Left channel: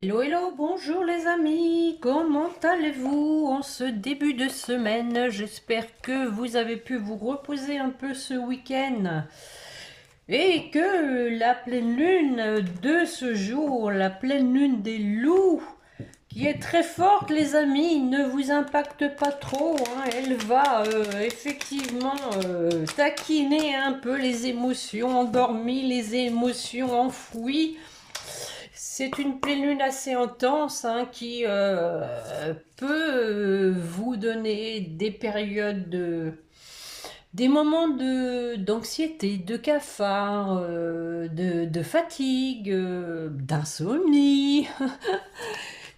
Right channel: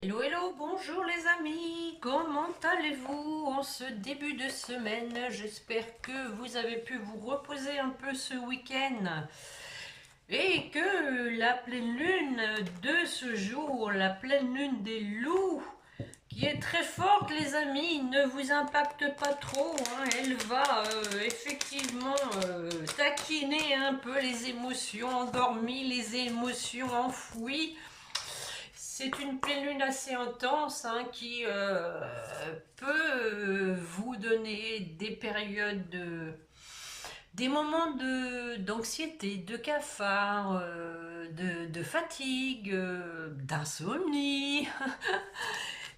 Hello, hello, bonjour les amis, comment allez-vous en ce début de semaine? J'espère que vous avez pu vous reposer un peu ce week-end et que la pleine lune de ce jour, la pleine lune des loups, qui est très forte les amis, ne vous impacte pas trop, hein. Elle va effectivement taquiner un peu les émotions endormies, les émotions enfouies. C'est une pleine lune assez intense, hein, qui peut vous donner des périodes des moments d'anxiété, de cafard, de fatigue, d'insomnie.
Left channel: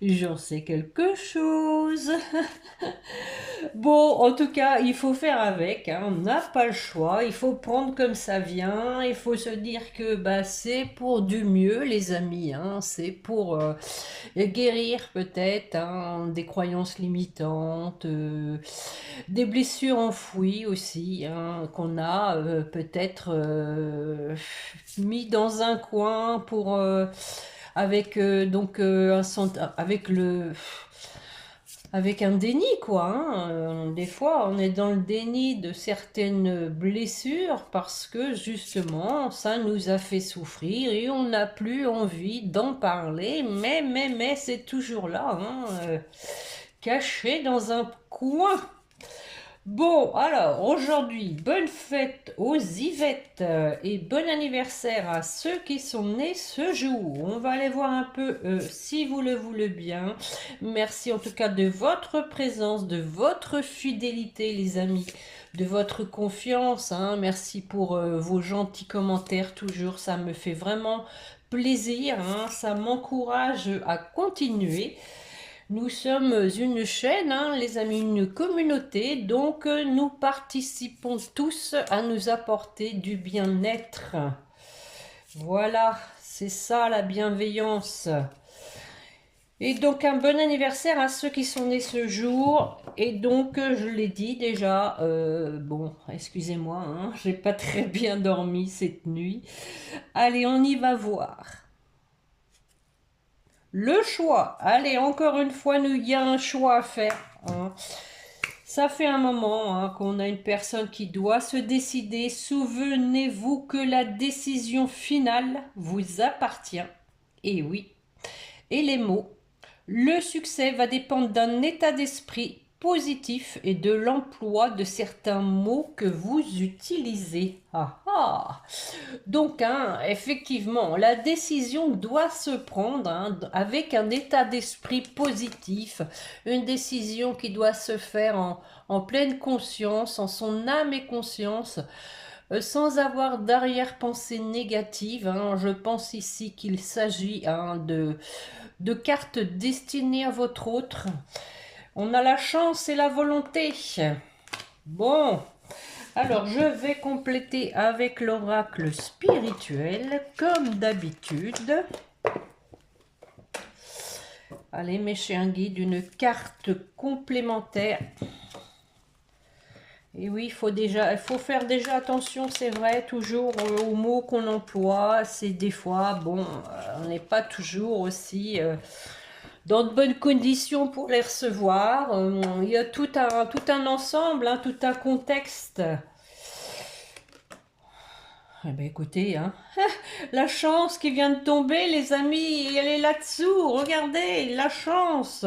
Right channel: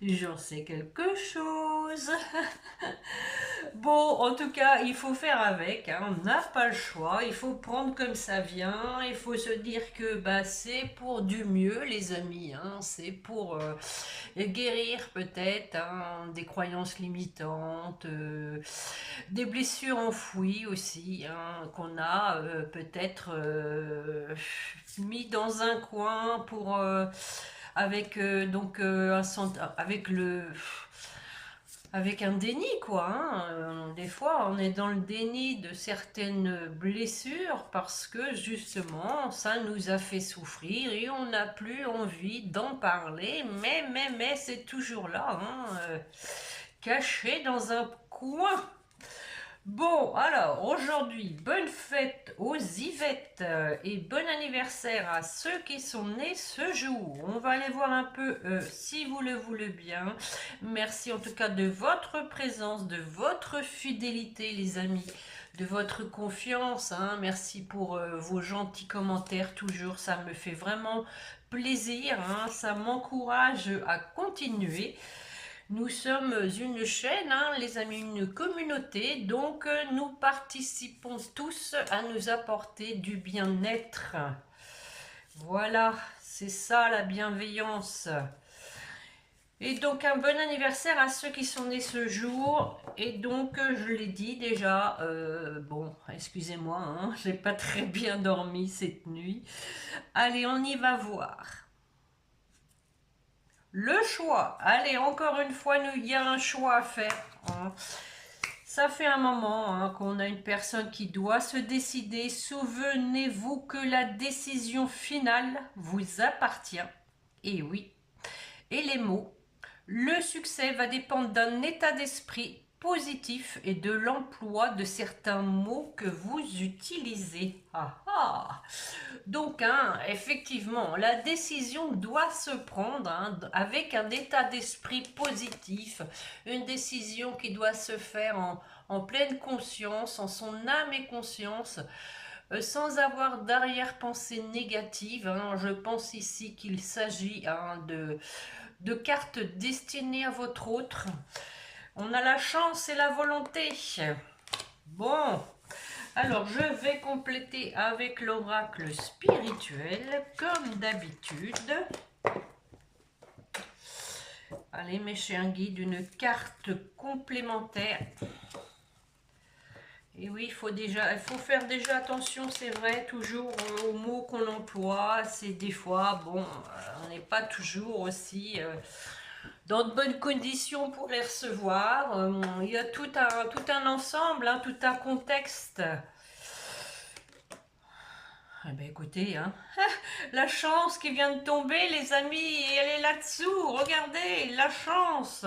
J'en sais quelque chose. Bon, en tout cas, il faut faire avec, hein. On n'a pas le choix, il faut prendre comme ça vient, il faut se dire que bah, c'est pour du mieux, les amis, hein. C'est pour guérir peut-être, hein, des croyances limitantes, des blessures enfouies aussi, hein, qu'on a peut-être mis dans un coin pour avec avec un déni, quoi, hein. Des fois, on est dans le déni de certaines blessures parce que justement, ça nous a fait souffrir et on n'a plus envie d'en parler. Mais, c'est toujours là, hein, caché dans un coin. Bon, alors aujourd'hui, bonne fête aux Yvettes et bon anniversaire à ceux qui sont nés ce jour. On va aller voir un peu si vous le voulez bien. Merci en tout cas de votre présence, de votre fidélité les amis, de votre confiance, hein. Merci pour vos gentils commentaires toujours, ça me fait vraiment plaisir, hein. Ça m'encourage à continuer. Nous sommes une chaîne, hein, les amis, une communauté, donc nous participons tous à nous apporter du bien-être. Voilà, c'est ça la bienveillance. Et donc un bon anniversaire à ceux qui sont nés ce jour. Et donc je l'ai dit déjà, bon, excusez-moi, hein, j'ai pas très bien dormi cette nuit. Allez, on y va voir. Le choix. Allez, encore une fois, il y a un choix à faire, hein. Ça fait un moment, hein, qu'on a une personne qui doit se décider. Souvenez-vous que la décision finale vous appartient. Et oui. Et les mots. Le succès va dépendre d'un état d'esprit positif et de l'emploi de certains mots que vous utilisez. Ah ah. Donc, hein, effectivement, la décision doit se prendre, hein, avec un état d'esprit positif, une décision qui doit se faire en pleine conscience, en son âme et conscience, sans avoir d'arrière-pensée négative, hein. Je pense ici qu'il s'agit, hein, de cartes destinées à votre autre. On a la chance et la volonté. Bon, alors, je vais compléter avec l'oracle spirituel, comme d'habitude. Allez, mes chers guides, une carte complémentaire. Et oui, il faut faire déjà attention, c'est vrai, toujours aux mots qu'on emploie. C'est des fois, bon, on n'est pas toujours aussi dans de bonnes conditions pour les recevoir. Il y a tout un ensemble, hein, tout un contexte. Eh ben écoutez, hein, la chance qui vient de tomber, les amis, elle est là-dessous. Regardez, la chance.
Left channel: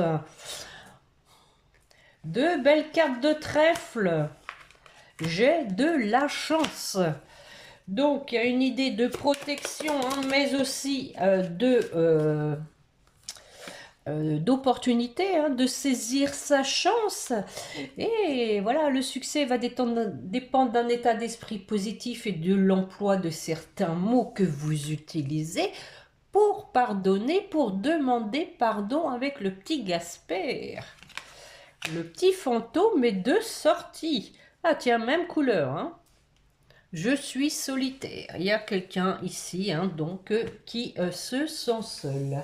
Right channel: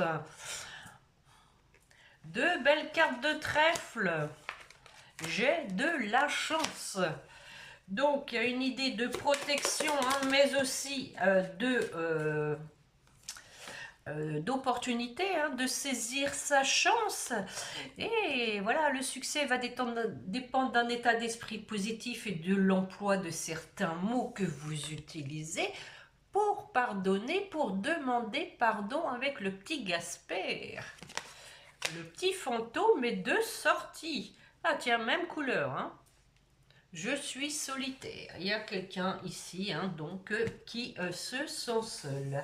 Deux belles cartes de trèfle. J'ai de la chance. Donc, il y a une idée de protection, hein, mais aussi d'opportunité, hein, de saisir sa chance. Et voilà, le succès va dépendre d'un état d'esprit positif et de l'emploi de certains mots que vous utilisez pour pardonner, pour demander pardon avec le petit Gasper. Le petit fantôme est de sortie. Ah tiens, même couleur, hein. Je suis solitaire. Il y a quelqu'un ici, hein, donc, qui se sent seul.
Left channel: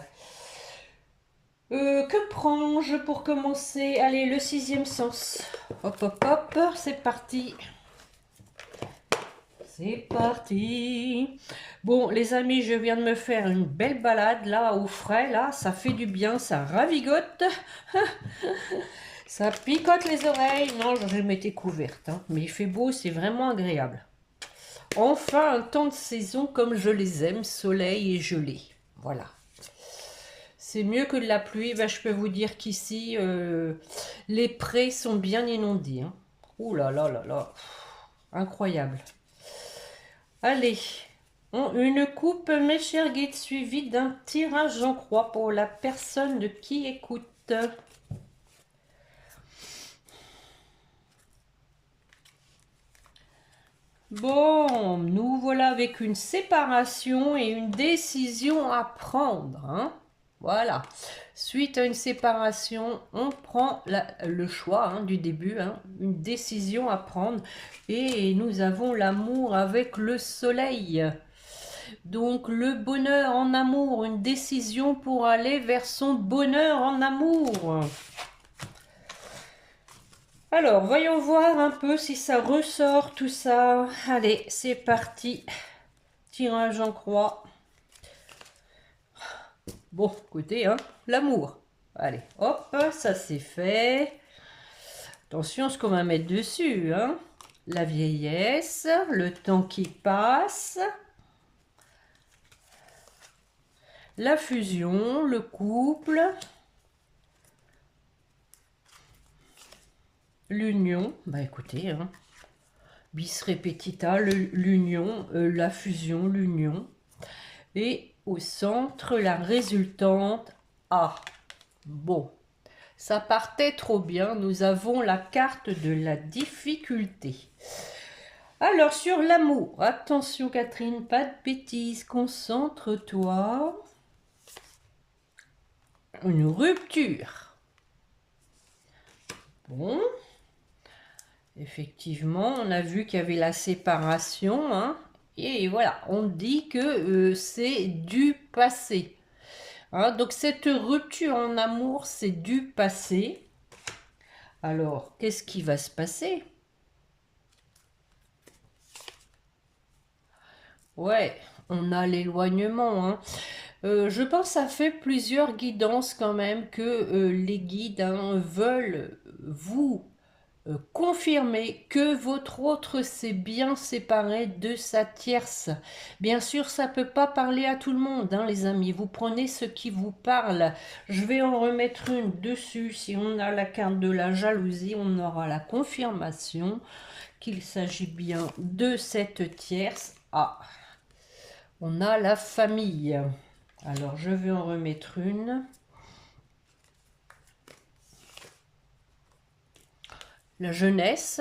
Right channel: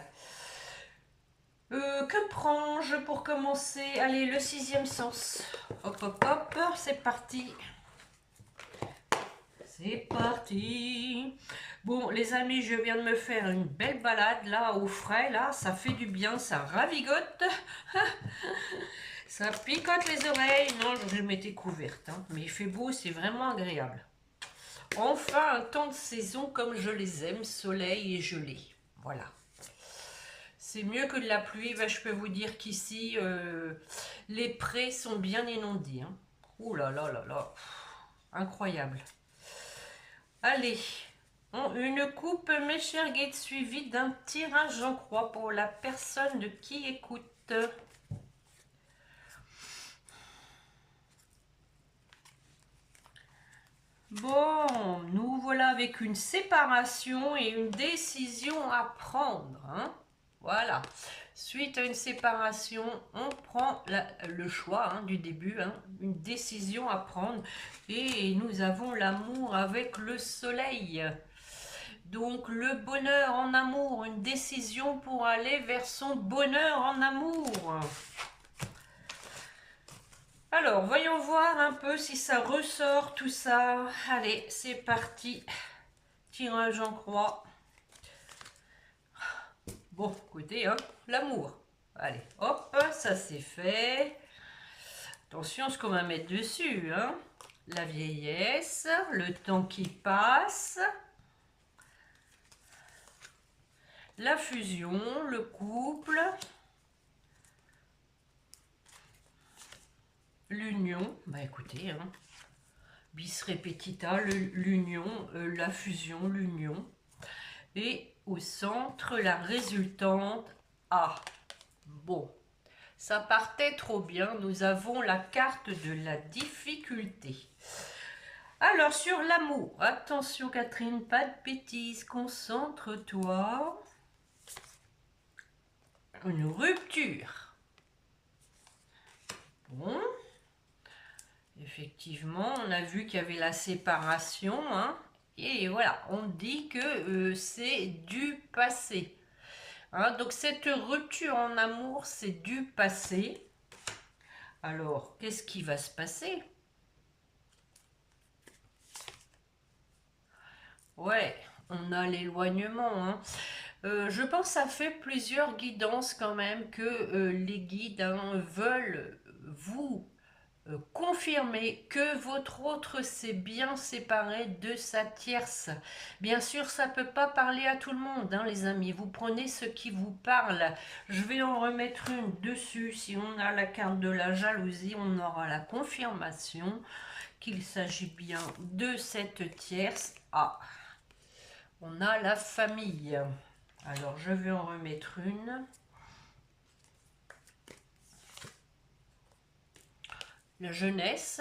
Que prends-je pour commencer? Allez, le sixième sens. Hop, hop, hop, c'est parti. C'est parti. Bon, les amis, je viens de me faire une belle balade là au frais. Là, ça fait du bien, ça ravigote. Ça picote les oreilles. Non, je m'étais couverte, hein. Mais il fait beau, c'est vraiment agréable. Enfin, un temps de saison comme je les aime, soleil et gelée. Voilà. C'est mieux que de la pluie. Ben, je peux vous dire qu'ici, les prés sont bien inondés, hein. Ouh là là là là. Incroyable. Allez, une coupe, mes chers guides, suivie d'un tirage en croix pour la personne qui écoute. Bon, nous voilà avec une séparation et une décision à prendre, hein. Voilà. Suite à une séparation, on prend le choix, hein, du début, hein, une décision à prendre. Et nous avons l'amour avec le soleil. Donc le bonheur en amour, une décision pour aller vers son bonheur en amour. Alors, voyons voir un peu si ça ressort tout ça. Allez, c'est parti. Tirage en croix. Bon, écoutez, hein, l'amour. Allez, hop, ça c'est fait. Attention à ce qu'on va mettre dessus, hein. La vieillesse, le temps qui passe. La fusion, le couple. L'union, bah écoutez, hein, bis repetita, l'union, la fusion, l'union. Et au centre, la résultante A. Bon, ça partait trop bien. Nous avons la carte de la difficulté. Alors, sur l'amour, attention Catherine, pas de bêtises, concentre-toi. Une rupture. Bon. Effectivement, on a vu qu'il y avait la séparation, hein, et voilà, on dit que c'est du passé. Hein, donc cette rupture en amour, c'est du passé. Alors, qu'est-ce qui va se passer? Ouais, on a l'éloignement, hein. Je pense que ça fait plusieurs guidances quand même que les guides, hein, veulent vous confirmer que votre autre s'est bien séparé de sa tierce. Bien sûr, ça ne peut pas parler à tout le monde, hein, les amis. Vous prenez ce qui vous parle. Je vais en remettre une dessus. Si on a la carte de la jalousie, on aura la confirmation qu'il s'agit bien de cette tierce. Ah, on a la famille. Alors, je vais en remettre une. La jeunesse.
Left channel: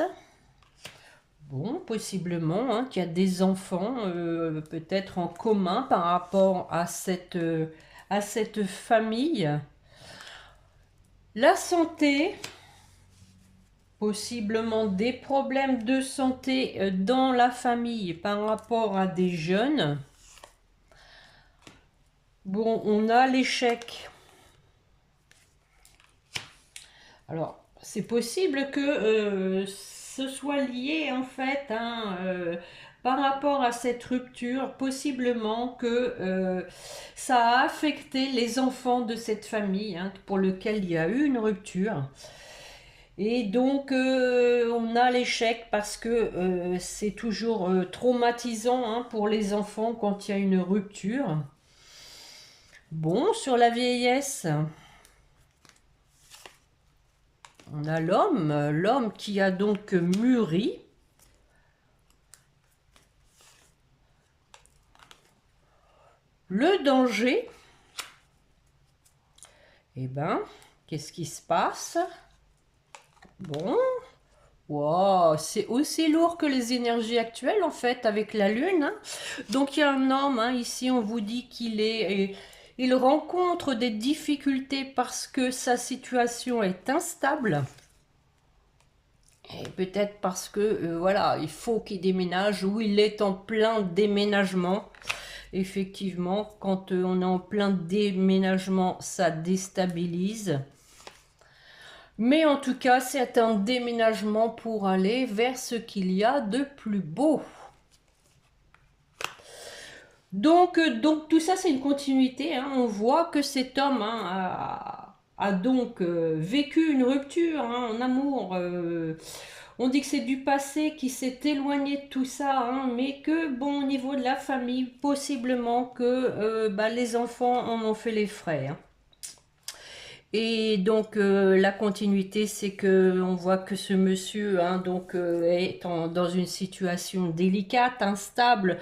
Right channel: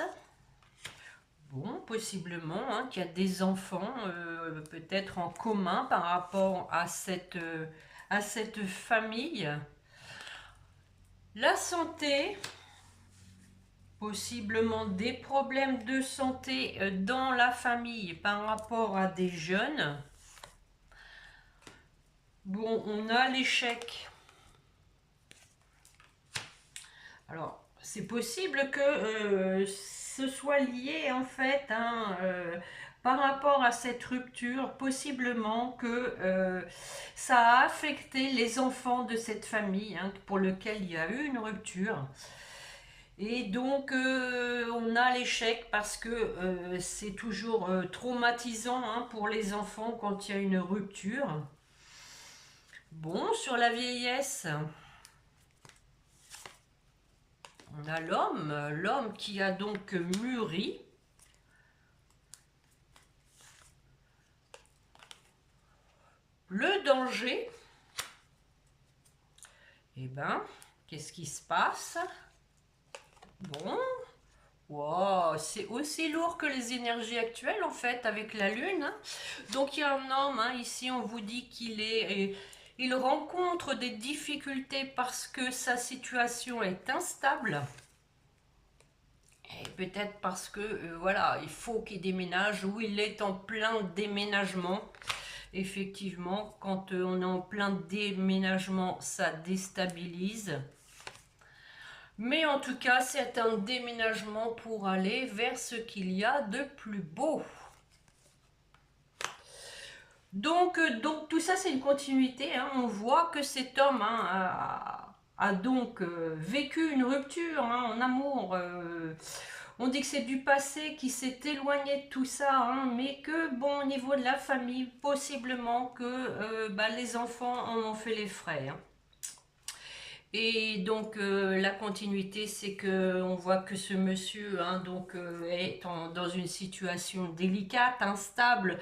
Bon, possiblement, hein, qu'il y a des enfants peut-être en commun par rapport à cette famille. La santé, possiblement des problèmes de santé dans la famille par rapport à des jeunes. Bon, on a l'échec. Alors, c'est possible que ce soit lié en fait, hein, par rapport à cette rupture, possiblement que ça a affecté les enfants de cette famille, hein, pour lequel il y a eu une rupture. Et donc on a l'échec parce que c'est toujours traumatisant, hein, pour les enfants quand il y a une rupture. Bon, sur la vieillesse. On a l'homme qui a donc mûri. Le danger. Eh ben, qu'est-ce qui se passe? Bon, wow, c'est aussi lourd que les énergies actuelles en fait avec la lune, hein. Donc il y a un homme, hein, ici on vous dit il rencontre des difficultés parce que sa situation est instable. Et peut-être parce que voilà, il faut qu'il déménage ou il est en plein déménagement. Effectivement, quand on est en plein déménagement, ça déstabilise. Mais en tout cas, c'est un déménagement pour aller vers ce qu'il y a de plus beau. Donc tout ça, c'est une continuité, hein. On voit que cet homme, hein, a donc vécu une rupture, hein, en amour. On dit que c'est du passé qui s'est éloigné de tout ça, hein, mais que, bon, au niveau de la famille, possiblement que bah, les enfants en ont fait les frais, hein. Et donc la continuité, c'est que on voit que ce monsieur, hein, donc est dans une situation délicate, instable,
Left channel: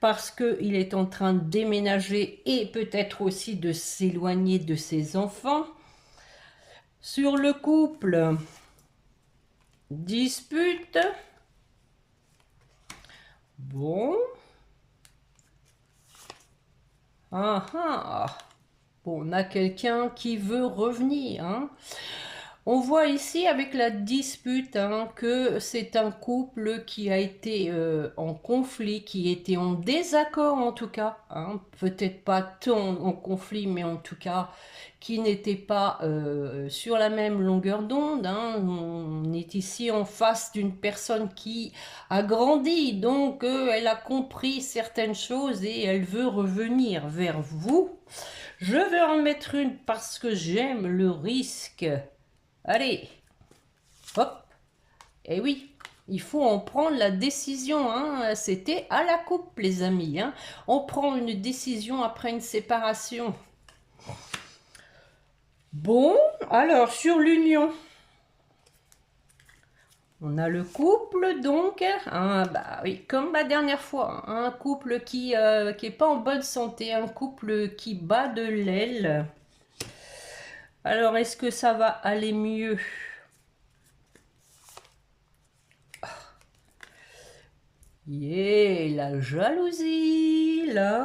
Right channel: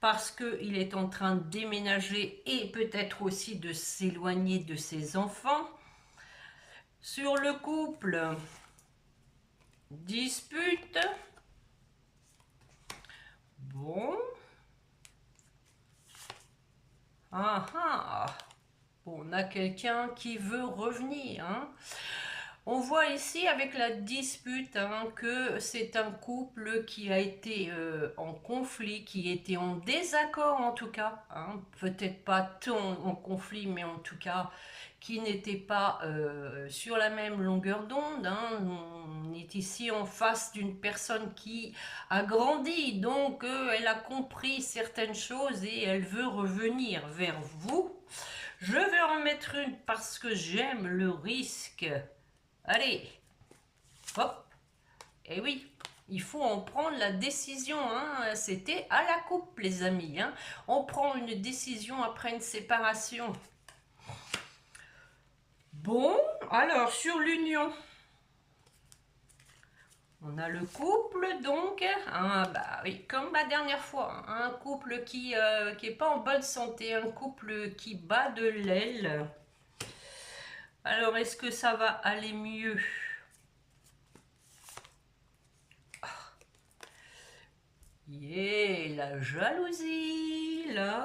parce qu'il est en train de déménager et peut-être aussi de s'éloigner de ses enfants. Sur le couple, dispute. Bon. Ah ah. Bon, on a quelqu'un qui veut revenir, hein. On voit ici avec la dispute, hein, que c'est un couple qui a été en conflit, qui était en désaccord en tout cas, hein. Peut-être pas tant en conflit, mais en tout cas qui n'était pas sur la même longueur d'onde, hein. On est ici en face d'une personne qui a grandi, donc elle a compris certaines choses et elle veut revenir vers vous. Je vais en mettre une parce que j'aime le risque. Allez, hop, et oui, il faut en prendre la décision, hein. C'était à la coupe, les amis, hein. On prend une décision après une séparation. Bon, alors sur l'union, on a le couple donc, hein, bah oui, comme la dernière fois, hein, un couple qui est pas en bonne santé, un couple qui bat de l'aile. Alors est-ce que ça va aller mieux? Yeah, la jalousie, la.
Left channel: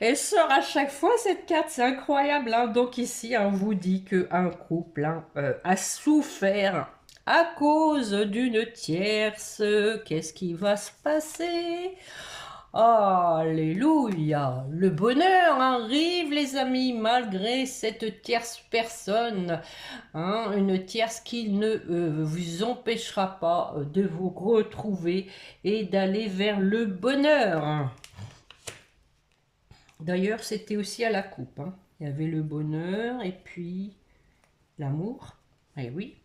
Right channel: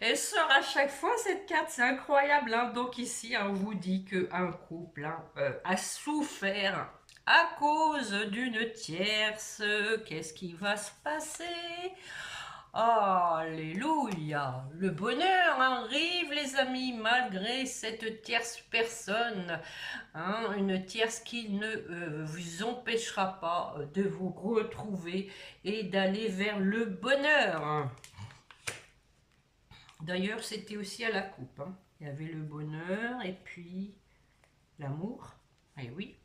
Elle sort à chaque fois cette carte, c'est incroyable, hein. Donc ici, on vous dit qu'un couple, hein, a souffert à cause d'une tierce. Qu'est-ce qui va se passer? Alléluia! Le bonheur arrive, les amis, malgré cette tierce personne, hein, une tierce qui ne vous empêchera pas de vous retrouver et d'aller vers le bonheur. D'ailleurs, c'était aussi à la coupe, hein. Il y avait le bonheur et puis l'amour. Eh oui.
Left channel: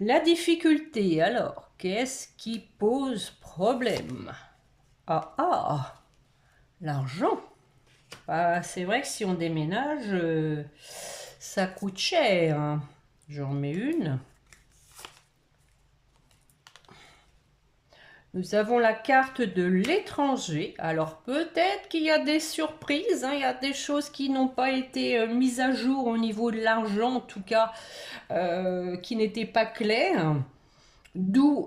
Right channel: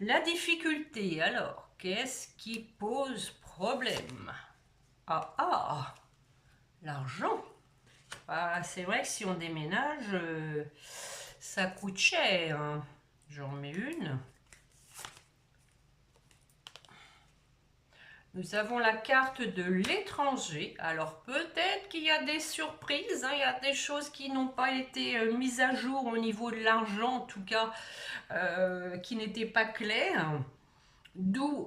La difficulté, alors, qu'est-ce qui pose problème? Ah ah, l'argent. Ah, c'est vrai que si on déménage, ça coûte cher, hein. J'en mets une. Nous avons la carte de l'étranger. Alors peut-être qu'il y a des surprises, hein, il y a des choses qui n'ont pas été mises à jour au niveau de l'argent, en tout cas, qui n'étaient pas claires. D'où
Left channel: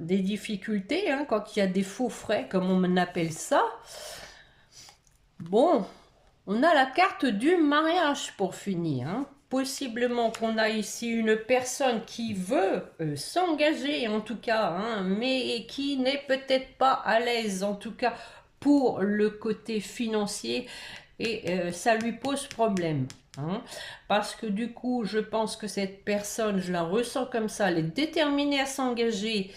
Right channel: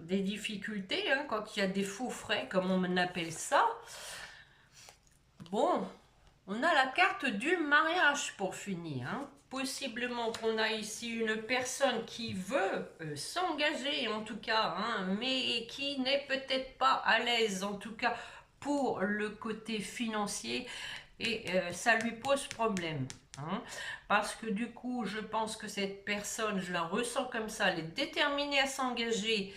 des difficultés, hein, quand il y a des faux frais, comme on appelle ça. Bon, on a la carte du mariage pour finir, hein. Possiblement qu'on a ici une personne qui veut s'engager en tout cas, hein, mais qui n'est peut-être pas à l'aise en tout cas pour le côté financier et ça lui pose problème, hein. Parce que du coup, je pense que cette personne, je la ressens comme ça, elle est déterminée à s'engager.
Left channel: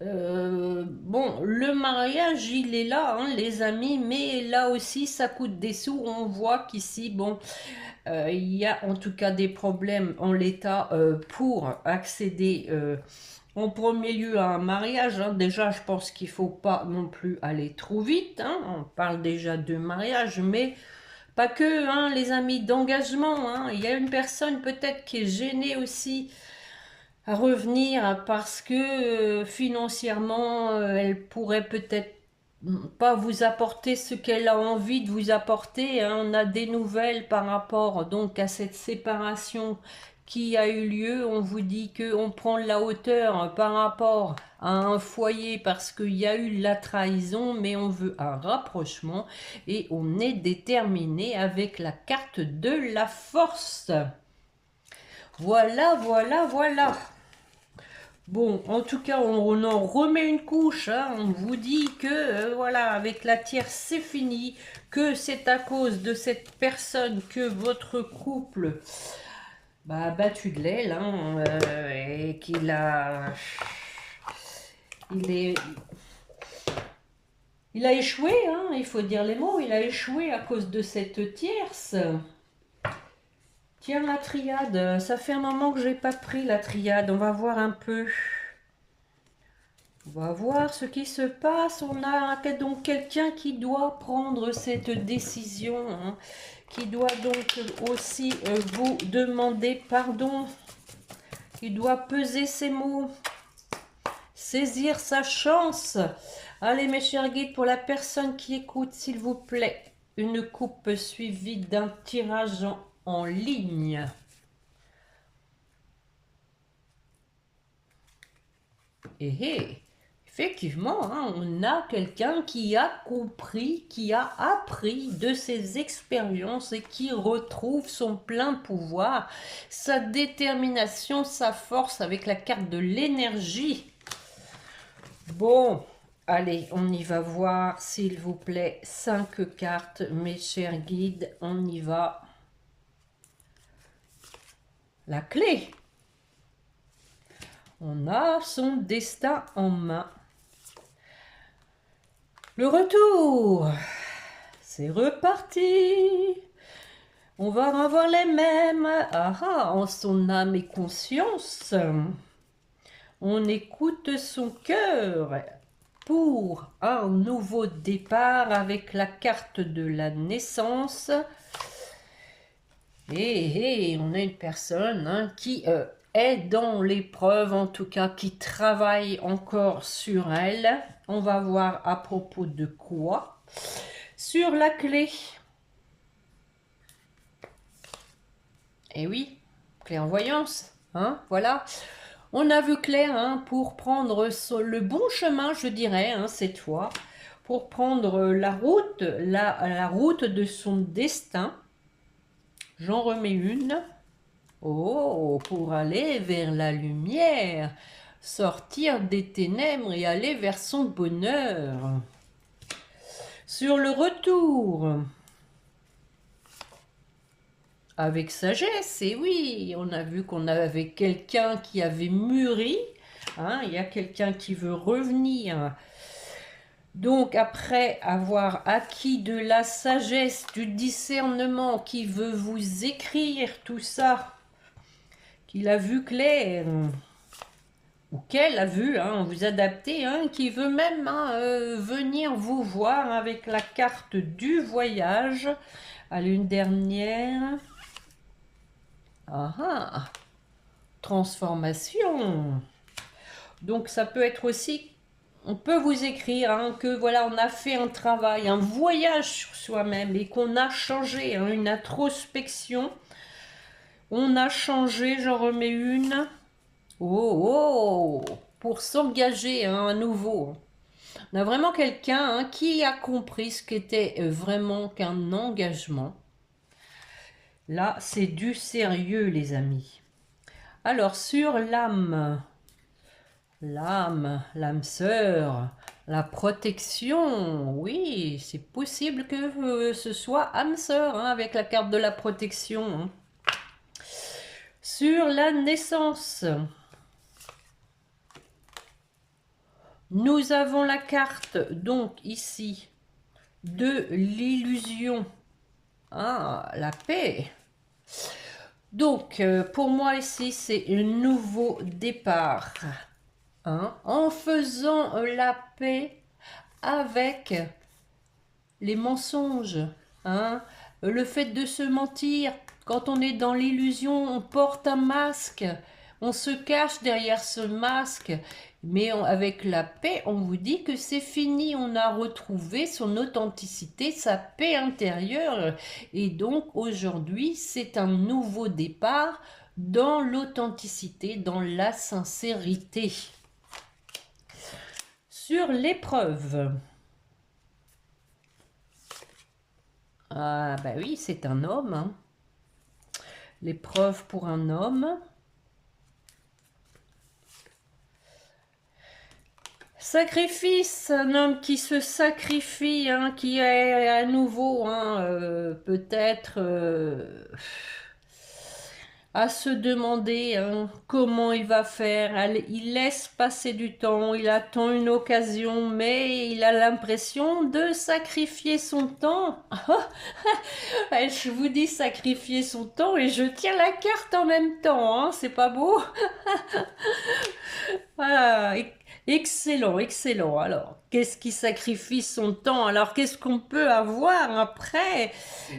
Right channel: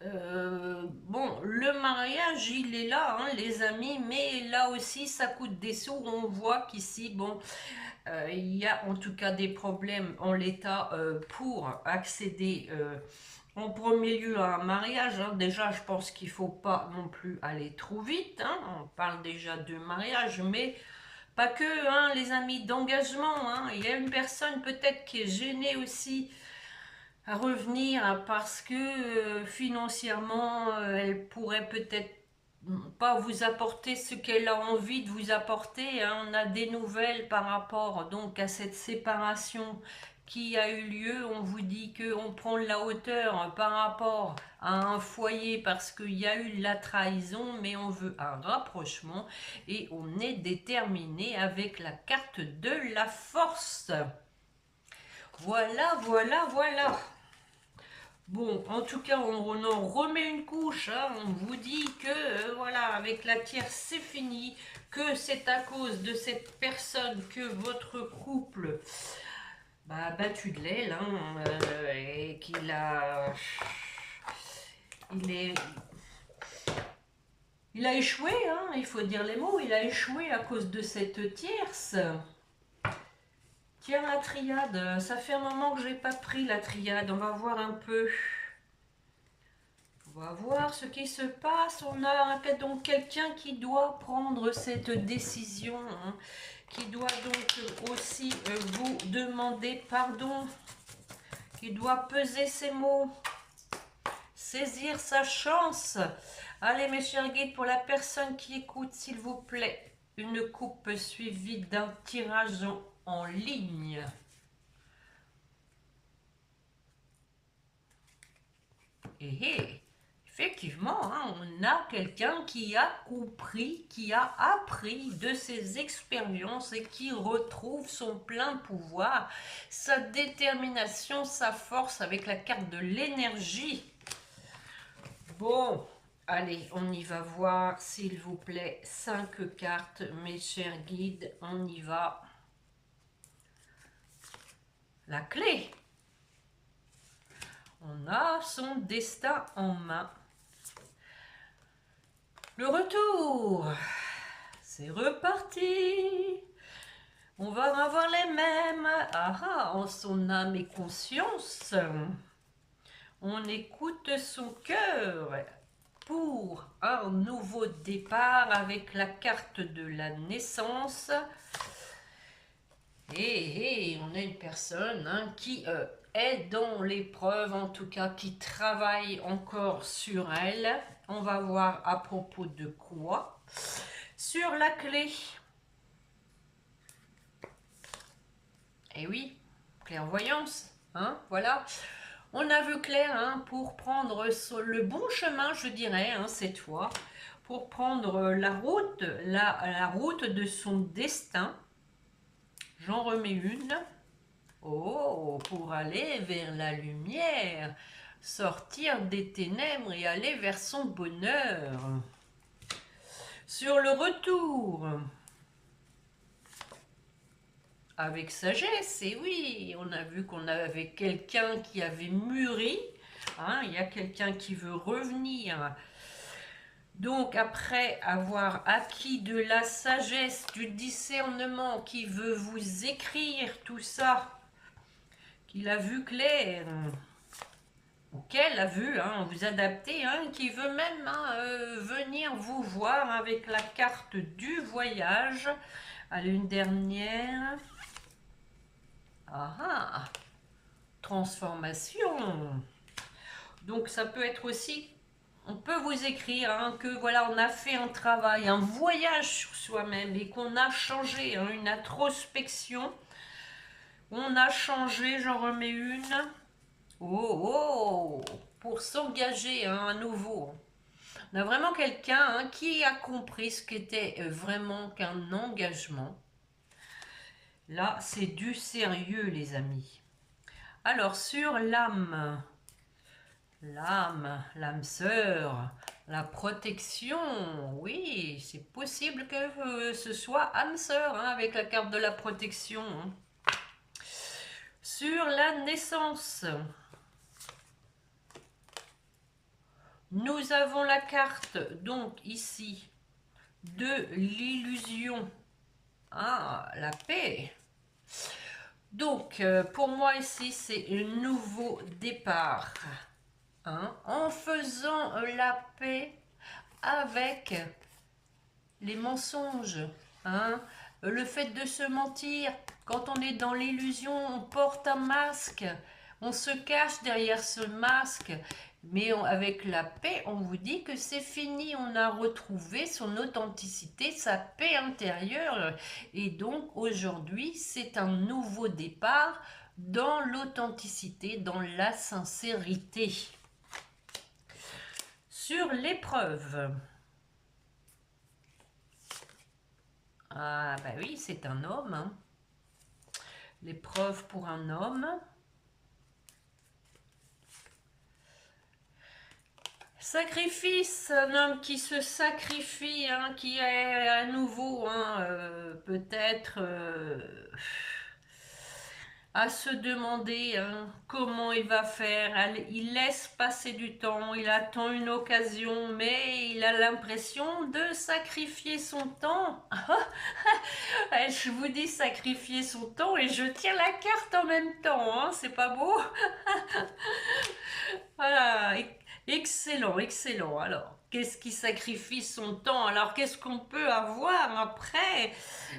Bon, le mariage, il est là, hein, les amis, mais là aussi, ça coûte des sous. On voit qu'ici, bon, il y a en tout cas des problèmes en l'état pour accéder en premier lieu à un mariage, hein. Déjà, je pense qu'il ne faut pas non plus aller trop vite, hein. On parle déjà de mariage, mais pas que, hein, les amis, d'engagement, hein. Il y a une personne peut-être qui est gênée aussi à revenir parce que financièrement, elle pourrait peut-être pas vous apporter ce qu'elle a envie de vous apporter, hein. On a des nouvelles par rapport donc à cette séparation qui a eu lieu. On vous dit que on prend la hauteur par rapport à un foyer parce qu'il y a eu la trahison, mais on veut un rapprochement et on est déterminé avec la carte de la force. Voilà, voilà, voilà. Bon, en tout cas, on en remet une couche, hein. On vous dit que, voilà, avec la tierce, c'est fini, que c'est à cause de cette personne que votre couple bah, a battu de l'aile, hein, et qu'il a... Il est... Il a échoué, hein, il faut dire les mots, il a échoué à cause de cette tierce. Tiens, la triade, ça fait un moment que j'ai pas pris la triade, on va voir un peu. On va voir ce qui se passe. On a donc quelqu'un qui doit prendre cette décision, hein, qui doit donc aussi vous demander pardon, qui doit peser ses mots, saisir sa chance. Allez mes chers guides, pour la personne qui écoute, s'il vous plaît, une coupe suivie d'un tirage en ligne. Effectivement, hein, on a quelqu'un qui a compris, qui a appris de ses expériences et qui retrouve son plein pouvoir, sa détermination, sa force avec la carte de l'énergie. Bon, allez, on y va voir, s'il vous plaît, 5 cartes, mes chers guides, on y va. La clé. On a son destin en main. Le retour, c'est reparti. On va avoir les mêmes. En son âme et conscience. On écoute son cœur pour un nouveau départ avec la carte de la naissance. Et on a une personne, hein, qui est dans l'épreuve, en tout cas qui travaille encore sur elle. On va voir à propos de quoi. Sur la clé. Et oui, clairvoyance, hein, voilà. On a vu clair, hein, pour prendre le bon chemin, je dirais, hein, cette fois, pour prendre la route de son destin. J'en remets une. Oh, pour aller vers la lumière, sortir des ténèbres et aller vers son bonheur. Sur le retour, avec sagesse, et oui, on a vu qu'on avait quelqu'un qui avait mûri, hein, il y a quelqu'un qui veut revenir. Donc après avoir acquis de la sagesse, du discernement, qui veut vous écrire tout ça, qu'il a vu clair, ou qu'elle a vu, hein, vous adapter, hein, qui veut même, hein, venir vous voir avec la carte du voyage. Allez, une dernière. Transformation. Donc ça peut être aussi, on peut vous écrire, hein, que voilà, on a fait un travail, un voyage sur soi-même et qu'on a changé, hein, une introspection. On a changé, j'en remets une. Pour s'engager, hein, à nouveau. On a vraiment quelqu'un, hein, qui a compris ce qu'était vraiment qu'un engagement. Là, c'est du sérieux, les amis. Alors, sur l'âme, l'âme sœur, la protection, oui, c'est possible que ce soit âme sœur, hein, avec la carte de la protection. Hein. Sur la naissance, nous avons la carte, donc ici, de l'illusion. La paix. Donc, pour moi ici, c'est un nouveau départ. Hein, en faisant la paix avec les mensonges. Hein, le fait de se mentir. Quand on est dans l'illusion, on porte un masque. On se cache derrière ce masque. Mais avec la paix, on vous dit que c'est fini. On a retrouvé son authenticité, sa paix intérieure. Et donc, aujourd'hui, c'est un nouveau départ dans l'authenticité, dans la sincérité. Sur l'épreuve. Ah, bah oui, c'est un homme. Hein. L'épreuve pour un homme. Sacrifice, un homme qui se sacrifie, hein, qui est à nouveau, hein, peut-être à se demander hein, comment il va faire. Il laisse passer du temps, il attend une occasion, mais il a l'impression de sacrifier son temps. Ouais, je vous dis sacrifier son temps et je tiens la carte en même temps, hein, c'est pas beau? Voilà, excellent, excellent. Alors, qu'est-ce qui sacrifie son temps? Alors, qu'est-ce qu'on peut avoir après?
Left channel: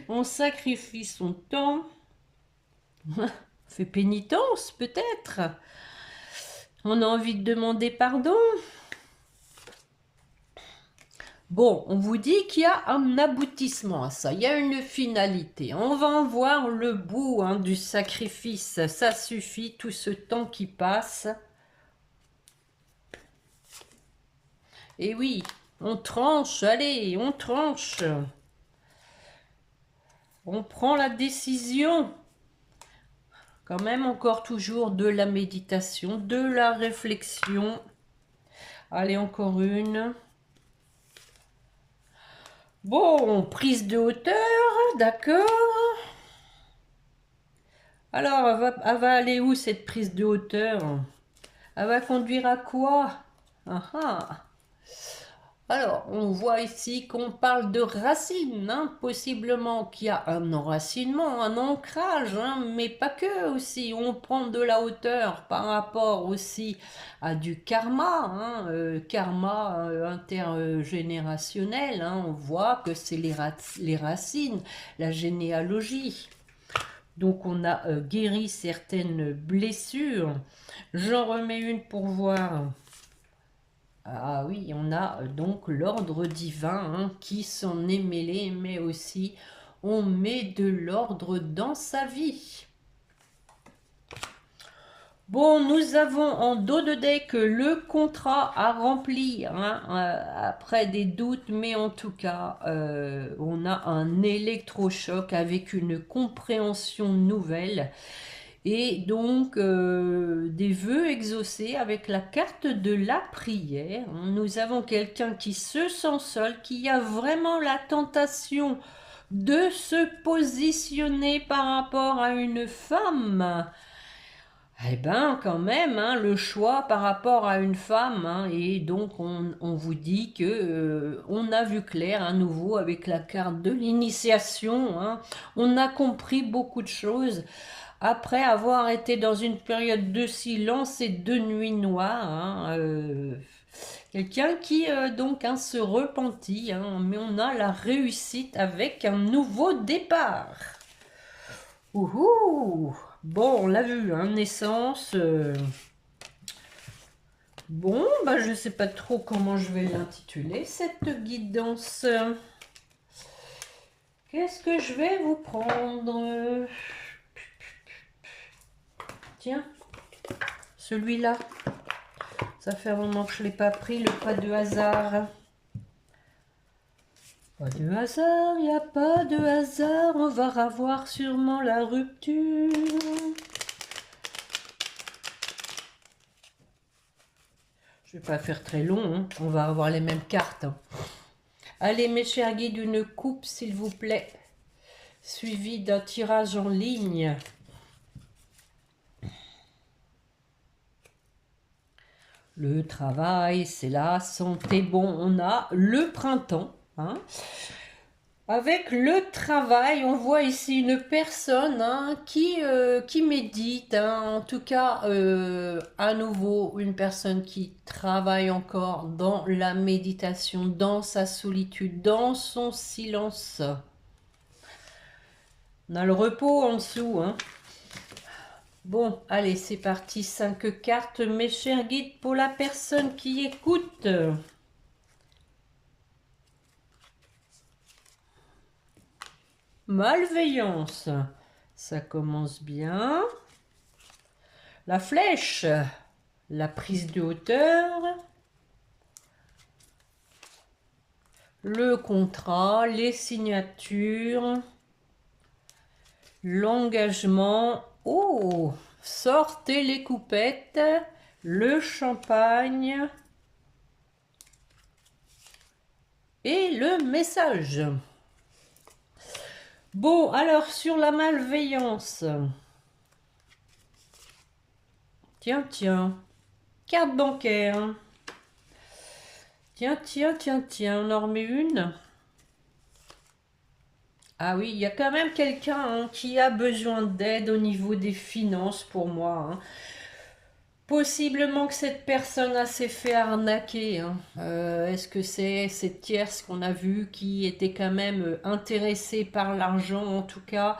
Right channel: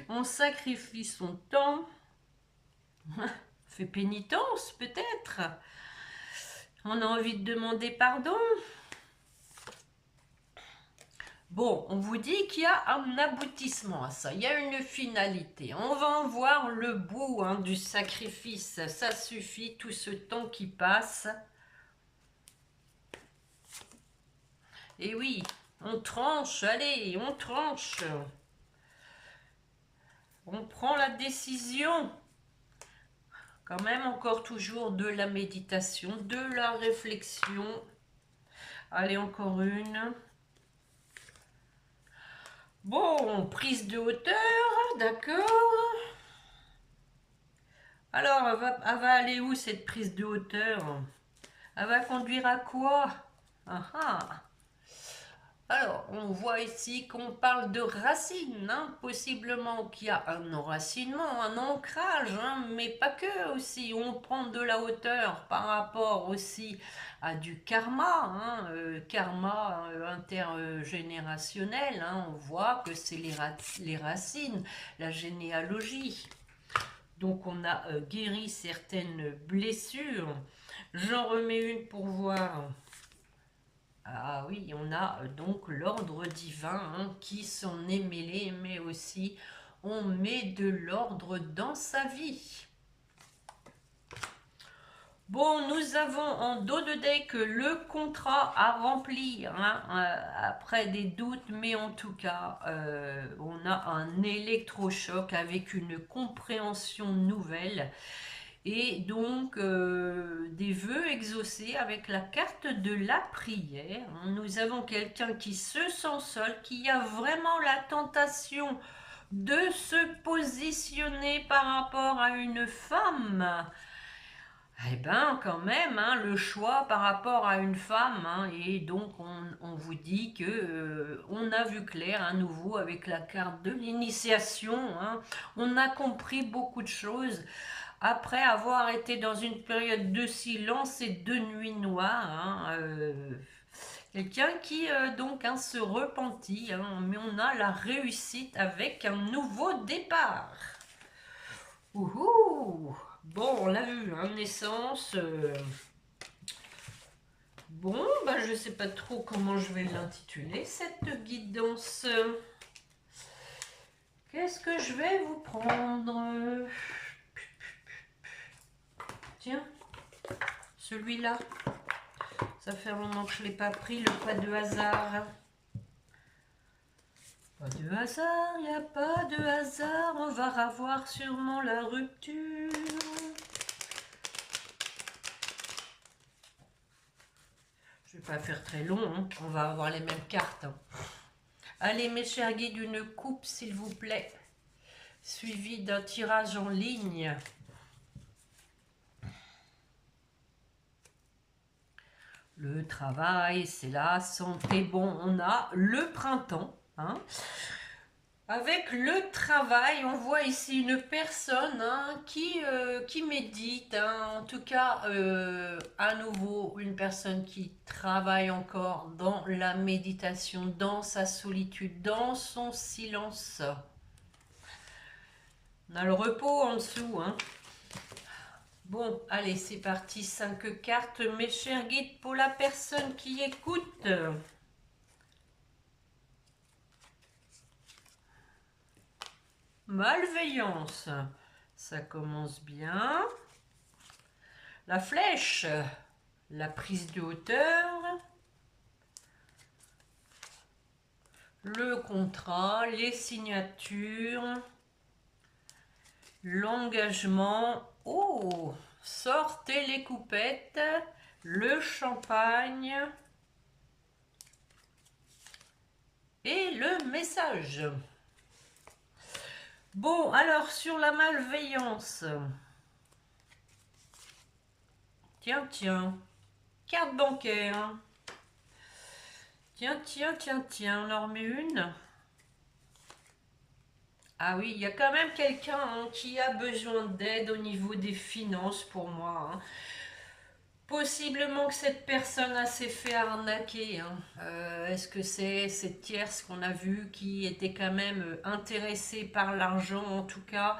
On sacrifie son temps, fait pénitence peut-être. On a envie de demander pardon. Bon, on vous dit qu'il y a un aboutissement à ça, il y a une finalité. On va en voir le bout hein, du sacrifice. Ça suffit, tout ce temps qui passe. Et oui, on tranche, allez, on tranche. On prend la décision. Quand même encore toujours de la méditation, de la réflexion. Allez, encore une. Bon, prise de hauteur, d'accord. Alors, elle va aller où cette prise de hauteur? Elle va conduire à quoi? Ah ah. Alors, on voit ici qu'on parle de racines, hein, possiblement qu'il y a un enracinement, un ancrage, hein, mais pas que aussi. On prend de la hauteur par rapport aussi à du karma, hein, karma intergénérationnel. Hein, on voit que c'est les racines, la généalogie. Donc, on a guéri certaines blessures. J'en remets une pour voir. Ah oui, on a donc l'ordre divin hein, qui s'en est mêlé, mais aussi on met de l'ordre dans sa vie. Bon, nous avons en dos de deck le contrat à remplir, hein, après des doutes, mais en tout cas, on a un électrochoc avec une compréhension nouvelle. Et donc, des vœux exaucés avec la carte de la prière. Nous avons quelqu'un qui se sent seul, qui a vraiment la tentation de se positionner par rapport à une femme. Eh bien, quand même, hein, le choix par rapport à une femme. Hein, et donc, on vous dit que on a vu clair à nouveau avec la carte de l'initiation. Hein, on a compris beaucoup de choses après avoir été dans une période de silence et de nuit noire, hein, quelqu'un qui donc hein, se repentit, hein, mais on a la réussite avec un nouveau départ. Ouhou. Bon, on l'a vu, hein, naissance. Bon, bah, je ne sais pas trop comment je vais l'intituler, cette guidance. Qu'est-ce que je vais vous prendre? Tiens, celui-là. Ça fait un moment que je ne l'ai pas pris, le pas de hasard. Pas de hasard, il n'y a pas de hasard, on va revoir sûrement la rupture. Je ne vais pas faire très long, hein. On va avoir les mêmes cartes. Hein. Allez mes chers guides, une coupe s'il vous plaît, suivi d'un tirage en ligne. Le travail, c'est la santé. Bon, on a le printemps. Hein. Avec le travail, on voit ici une personne hein, qui médite. Hein. En tout cas, à nouveau, une personne qui travaille encore dans la méditation, dans sa solitude, dans son silence. On a le repos en dessous. Hein. Bon, allez, c'est parti. 5 cartes, mes chers guides, pour la personne qui écoute. Malveillance. Ça commence bien. La flèche. La prise de hauteur. Le contrat. Les signatures. L'engagement. Oh, sortez les coupettes, le champagne et le message. Bon, alors sur la malveillance, Tiens, tiens. Carte bancaire. Tiens, tiens, tiens, tiens. On en remet une. Ah oui, il y a quand même quelqu'un qui a besoin d'aide au niveau des finances pour moi. Possiblement que cette personne s'est fait arnaquer. Est-ce que c'est cette tierce qu'on a vue qui était quand même intéressée par l'argent? En tout cas,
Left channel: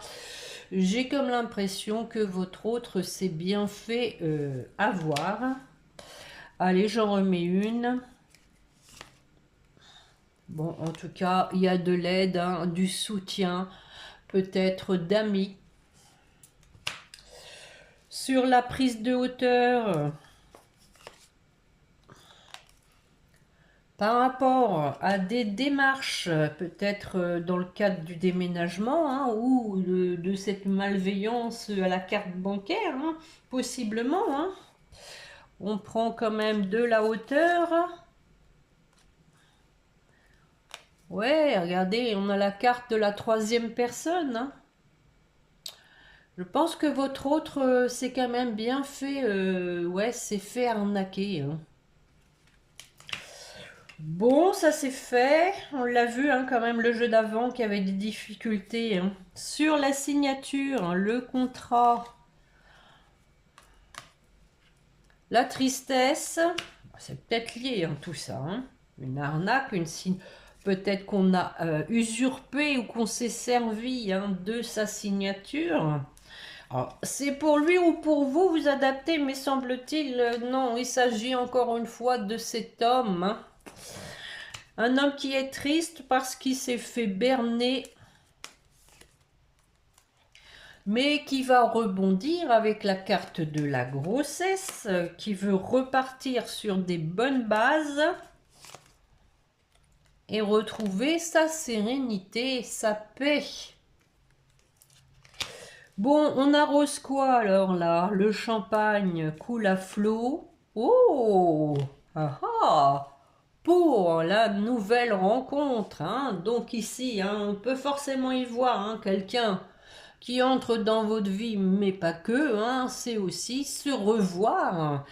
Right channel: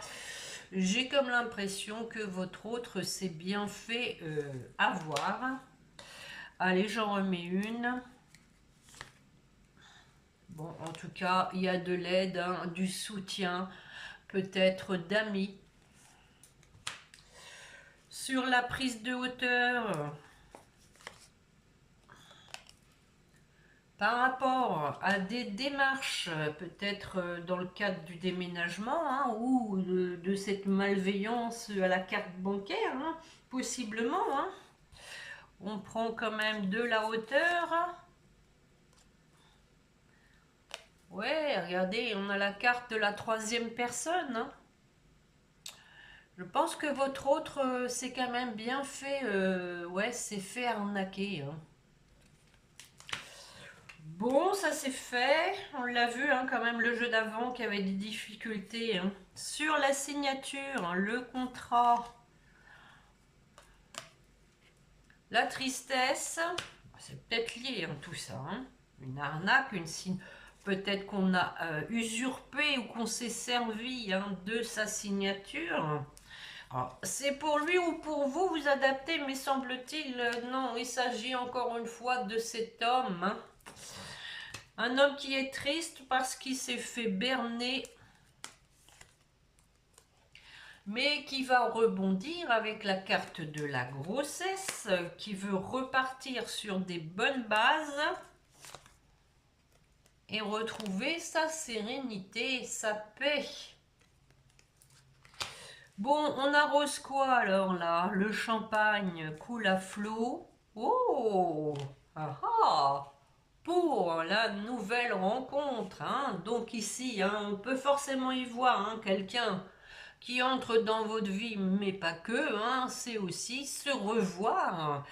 j'ai comme l'impression que votre autre s'est bien fait avoir. Allez, j'en remets une. Bon, en tout cas, il y a de l'aide, du soutien, peut-être d'amis. Sur la prise de hauteur, par rapport à des démarches, peut-être dans le cadre du déménagement ou de cette malveillance à la carte bancaire, possiblement. On prend quand même de la hauteur. Ouais, regardez, on a la carte de la troisième personne. Je pense que votre autre s'est quand même bien fait, ouais, s'est fait arnaquer. Bon, ça c'est fait. On l'a vu quand même le jeu d'avant qui avait des difficultés. Sur la signature, le contrat, la tristesse, c'est peut-être lié tout ça. Une arnaque, peut-être qu'on a usurpé ou qu'on s'est servi de sa signature. Alors, c'est pour lui ou pour vous, vous adaptez, mais semble-t-il, non, il s'agit encore une fois de cet homme. Un homme qui est triste parce qu'il s'est fait berner, mais qui va rebondir avec la carte de la grossesse, qui veut repartir sur des bonnes bases et retrouver sa sérénité, sa paix. Bon, on arrose quoi alors là? Le champagne coule à flot. Oh! Ah ah! Pour la nouvelle rencontre. Donc ici, on peut forcément y voir quelqu'un qui entre dans votre vie, mais pas que. C'est aussi se revoir.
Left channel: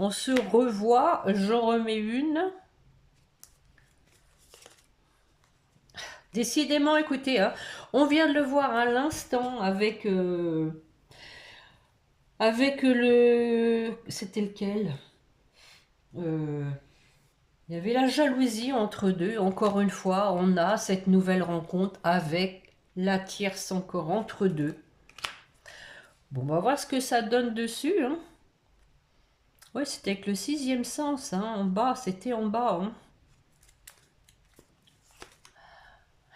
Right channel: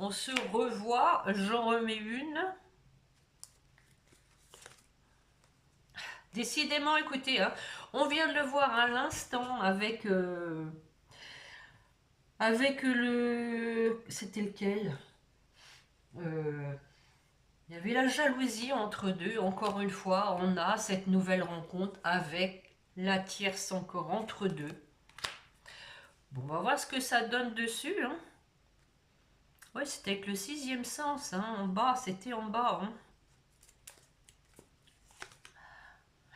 On se revoit. J'en remets une. Décidément, écoutez, on vient de le voir à l'instant avec le... C'était lequel? Il y avait la jalousie entre deux. Encore une fois, on a cette nouvelle rencontre avec la tierce encore entre deux. Bon, on va voir ce que ça donne dessus. Ouais, c'était avec le sixième sens. En bas, c'était en bas.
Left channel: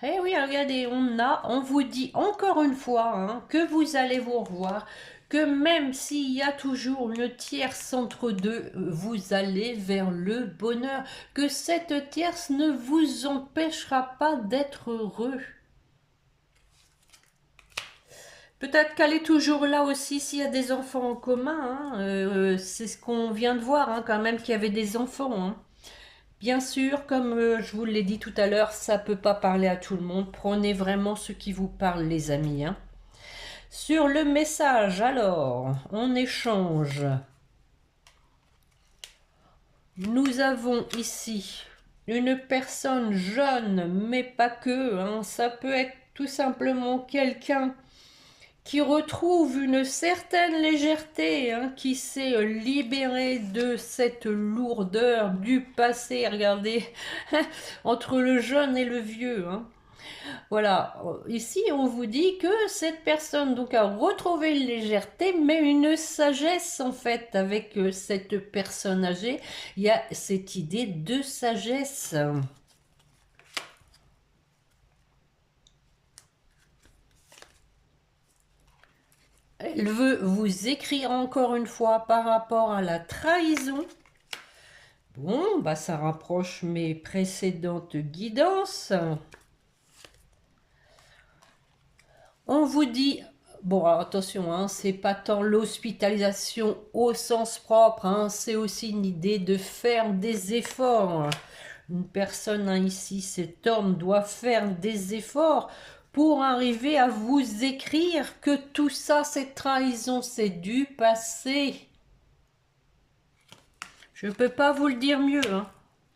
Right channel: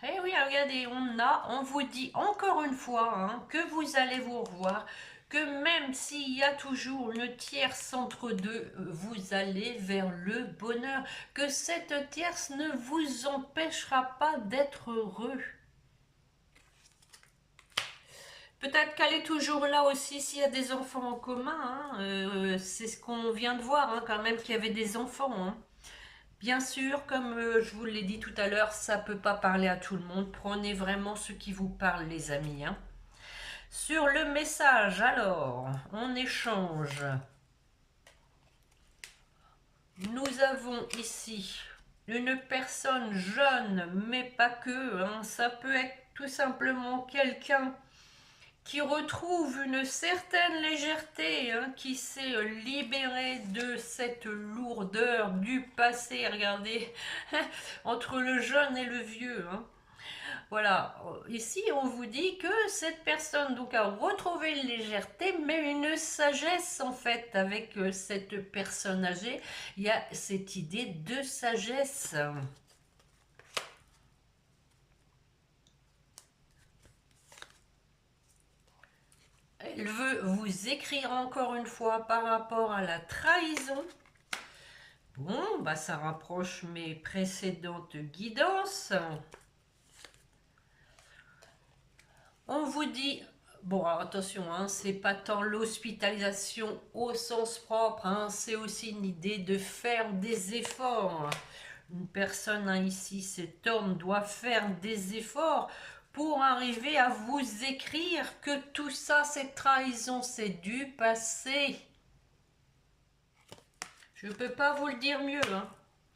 Eh oui, regardez, on vous dit encore une fois que vous allez vous revoir, que même s'il y a toujours une tierce entre deux, vous allez vers le bonheur, que cette tierce ne vous empêchera pas d'être heureux. Peut-être qu'elle est toujours là aussi s'il y a des enfants en commun. C'est ce qu'on vient de voir quand même qu'il y avait des enfants. Bien sûr, comme je vous l'ai dit tout à l'heure, ça ne peut pas parler à tout le monde. Prenez vraiment ce qui vous parle, les amis. Sur le message, alors, on échange. Nous avons ici une personne jeune, mais pas que. Ça peut être tout simplement quelqu'un qui retrouve une certaine légèreté, qui s'est libéré de cette lourdeur du passé. Regardez, entre le jeune et le vieux. Voilà, ici on vous dit que cette personne donc a retrouvé une légèreté, mais une sagesse en fait avec cette personne âgée. Il y a cette idée de sagesse. Elle veut vous écrire encore une fois par rapport à la trahison. Bon, bah ça rapproche mes précédentes guidances. On vous dit, bon alors attention, c'est pas tant l'hospitalisation au sens propre, c'est aussi une idée de faire des efforts. Une personne ici, cet homme, doit faire des efforts pour arriver à vous écrire que tout ça, cette trahison, c'est du passé. Je ne peux pas vous le dire mieux, hein.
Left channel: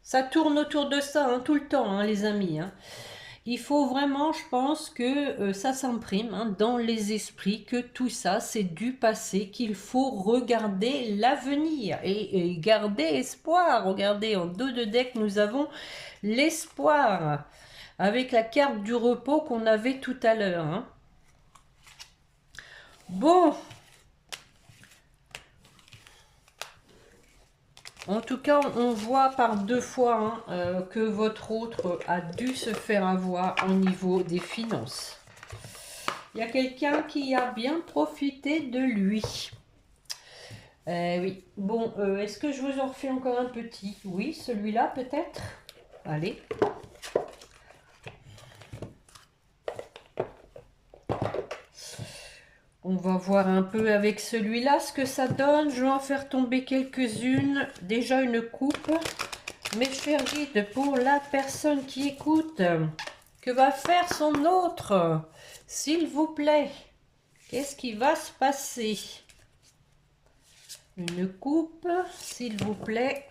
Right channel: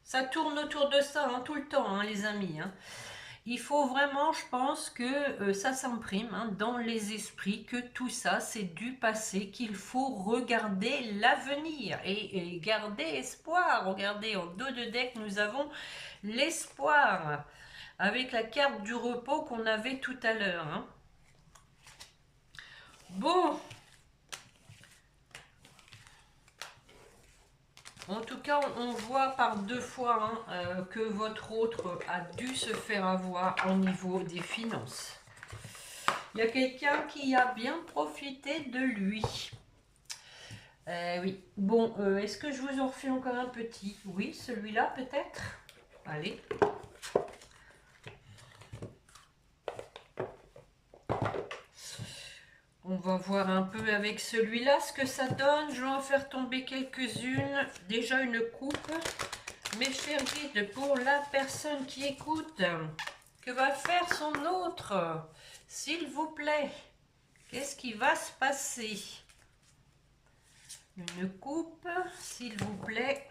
Ça tourne autour de ça, hein, tout le temps, hein, les amis, hein. Il faut vraiment, je pense que ça s'imprime, hein, dans les esprits, que tout ça, c'est du passé, qu'il faut regarder l'avenir et garder espoir. Regardez, en dos de deck, nous avons l'espoir, avec la carte du repos qu'on avait tout à l'heure, hein. Bon, en tout cas, on voit par deux fois, hein, que votre autre a dû se faire avoir au niveau des finances. Il y a quelqu'un qui a bien profité de lui. Oui. Bon, est-ce que je vous en refais encore un petit? Oui, celui-là peut-être. Allez. On va voir un peu avec celui-là ce que ça donne. Je vais en faire tomber quelques-unes. Déjà une coupe. Mes chers guides, pour la personne qui écoute, que va faire son autre? S'il vous plaît, qu'est-ce qui va se passer? Une coupe, s'il vous plaît.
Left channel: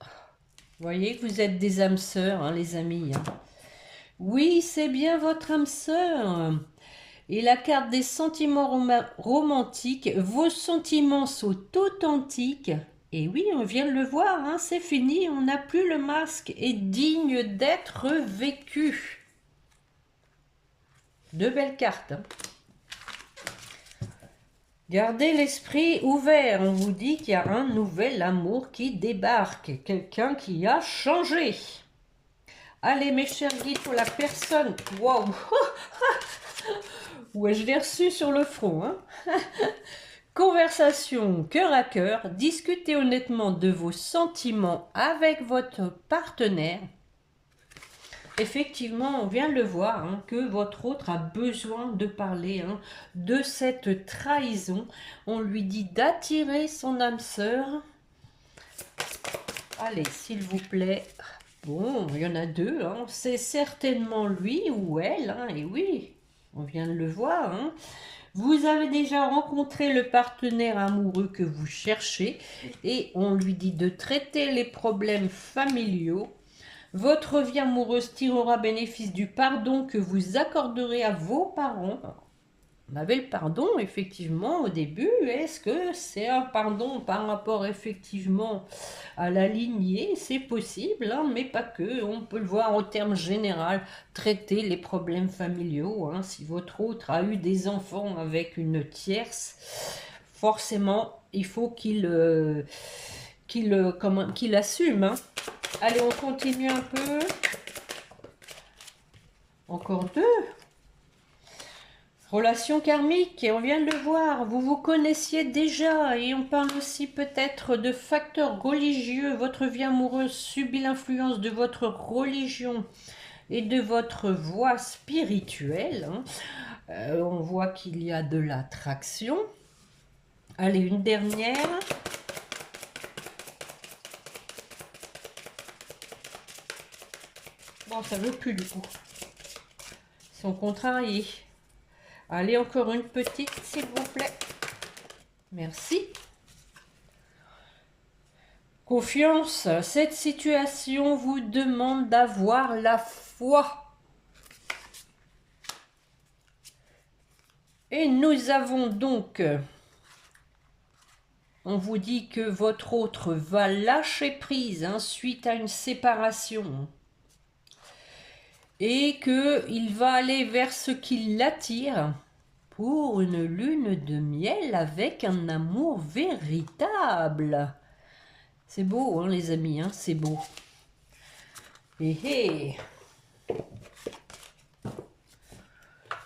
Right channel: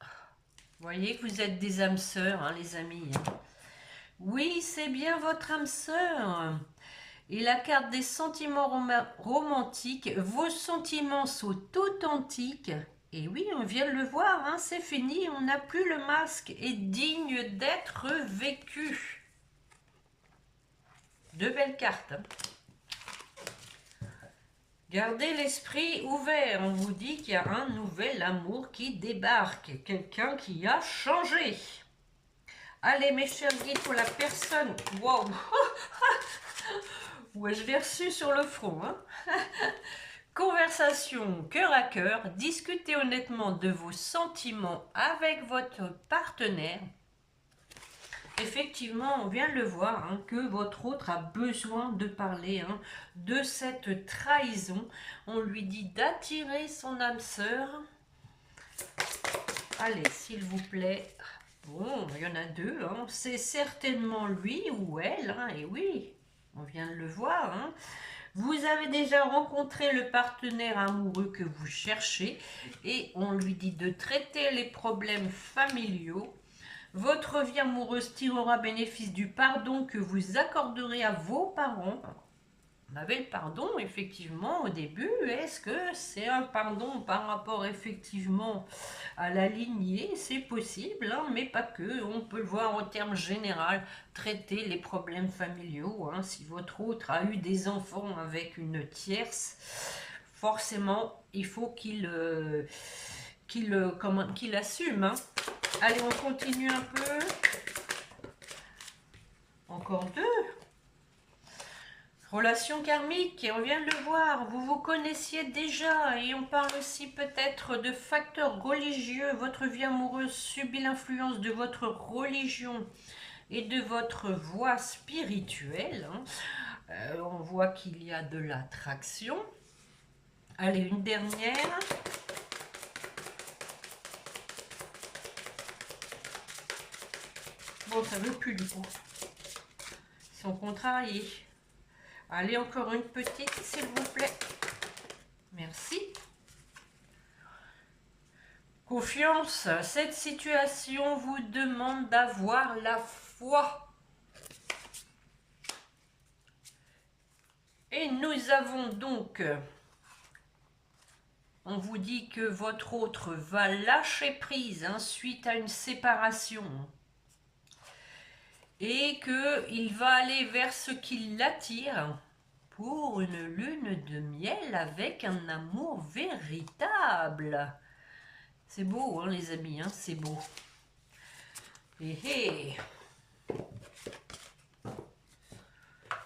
Vous voyez que vous êtes des âmes sœurs, hein, les amis, hein. Oui, c'est bien votre âme sœur. Et la carte des sentiments romantiques, vos sentiments sont authentiques. Et oui, on vient de le voir, hein, c'est fini, on n'a plus le masque, est digne d'être vécu. Deux belles cartes, hein. Gardez l'esprit ouvert, on vous dit qu'il y a un nouvel amour qui débarque, quelqu'un qui a changé. Allez mes chers guides, pour la personne, waouh, ouais, je l'ai reçu sur le front, hein. Conversation cœur à cœur, discutez honnêtement de vos sentiments avec votre partenaire. Effectivement, on vient de le voir, hein, que votre autre a besoin de parler, hein, de cette trahison. On lui dit d'attirer son âme sœur. Allez, s'il vous plaît. Bon, il y en a deux, hein. C'est certainement lui ou elle, hein, et oui, on vient de le voir, hein. Vous avez déjà rencontré le partenaire amoureux que vous cherchez et on lui dit de traiter les problèmes familiaux. Votre vie amoureuse tirera bénéfice du pardon que vous accorderez à vos parents. On avait le pardon effectivement au début. Est-ce que c'est un pardon par rapport effectivement à la lignée? C'est possible, hein, mais pas que. On peut le voir au terme général. Traiter les problèmes familiaux, hein. Si votre autre a eu des enfants avec une tierce, forcément il faut qu'il assume, hein. Allez, on continue un peu. Encore deux. Relation karmique, et on vient de le voir, vous vous connaissiez déjà, et on parle aussi peut-être de facteurs religieux. Votre vie amoureuse subit l'influence de votre religion et de votre voie spirituelle, hein. On voit qu'il y a de l'attraction. Allez, une dernière. Bon, ça ne veut plus du coup. Ils sont contrariés. Allez, encore une petite, s'il vous plaît. Merci. Confiance, cette situation vous demande d'avoir la foi. Et nous avons donc, on vous dit que votre autre va lâcher prise, hein, suite à une séparation. Et qu'il va aller vers ce qui l'attire pour une lune de miel avec un amour véritable. C'est beau, hein, les amis, hein, c'est beau. Et